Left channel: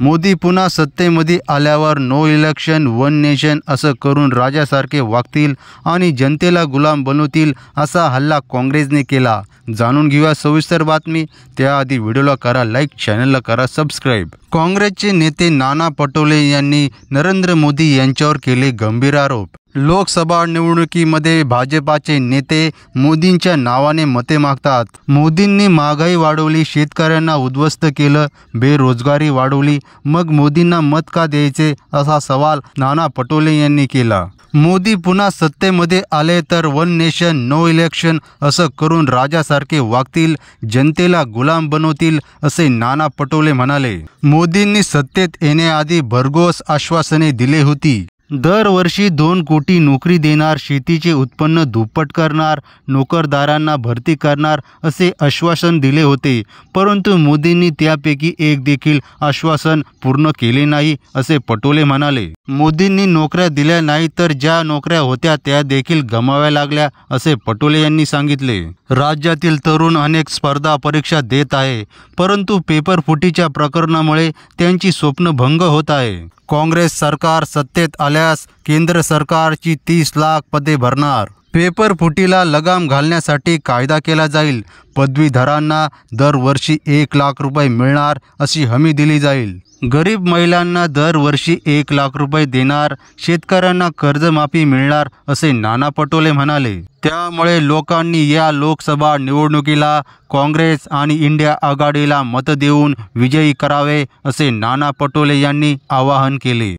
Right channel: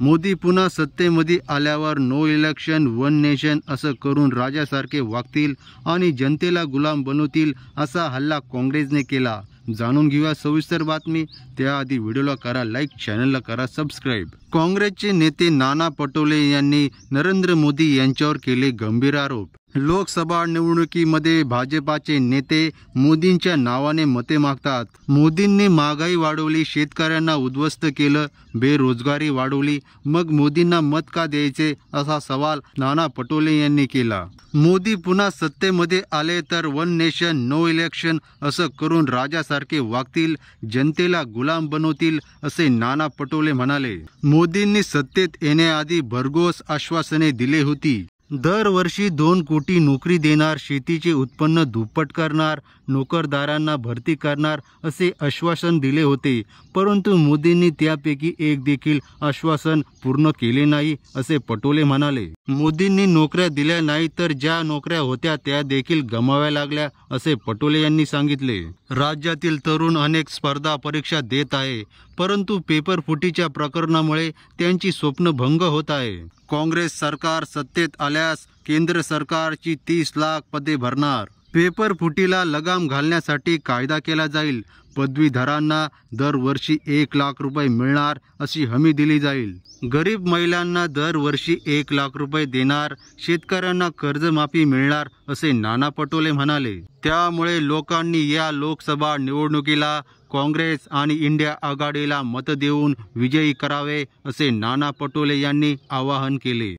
मोदी पुन्हा सत्तेमध्ये आल्यावर no election one nation असं करून राजासारखे वागतील आणि जनतेला गुलाम बनवतील असा हल्ला काँग्रेसने केला। जाणून घेऊया सविस्तर बातमी। त्याआधी व्हिडिओला करा लाईक, चॅनलला करा सबस्क्राईब। काँग्रेसचे नेते नाना पटोले यांनी नरेंद्र मोदी यांच्यावर केले गंभीर आरोप। लोकसभा निवडणुकीमध्ये भाजपाचे नेते मोदींच्या नावाने मते मागतात। मोदींनी महागाई वाढवली, शेतकऱ्यांना उद्ध्वस्त केलं, बेरोजगारी वाढवली, मग मोदींना मत का द्यायचे असा सवाल नाना पटोले यांनी केला। मोदी पुन्हा सत्तेमध्ये आले तर वन नेशन नो इलेक्शन असं करून राजासारखे वागतील, जनतेला गुलाम बनवतील असे नाना पटोले म्हणाले। मोदींनी सत्तेत येण्याआधी भरघोस आश्वासने दिली होती। दरवर्षी 2 कोटी नोकरी देणार, शेतीचे उत्पन्न दुप्पट करणार, नोकरदारांना भरती करणार असे आश्वासन दिले होते, परंतु मोदींनी त्यापैकी एक देखील आश्वासन पूर्ण केले नाही असे पटोले म्हणाले। मोदींनी नोकऱ्या दिल्या नाही तर ज्या नोकऱ्या होत्या त्या देखील गमाव्या लागल्या असे पटोले यांनी सांगितले। राज्यातील तरुण अनेक स्पर्धा परीक्षा देत आहे, परंतु पेपर फुटीच्या प्रकरणामुळे त्यांची स्वप्न भंग होत आहे। काँग्रेस सरकार सत्तेत आल्यास केंद्र सरकारची 30 लाख पदे भरणार। पेपर फुटीला लगाम घालण्यासाठी कायदा केला जाईल। पदवीधरांना दरवर्षी 1 लाख रुपये मिळणार अशी हमी दिली जाईल। गरीब महिलांना दरवर्षी 1 लाख रुपये देणार, शेतकऱ्यांना कर्जमाफी मिळणार असे नाना पटोले म्हणाले। त्यामुळे लोकांनी या लोकसभा निवडणुकीला काँग्रेस आणि इंडिया आघाडीला मत देऊन विजयी करावे असे नाना पटोले यांनी आवाहन केले।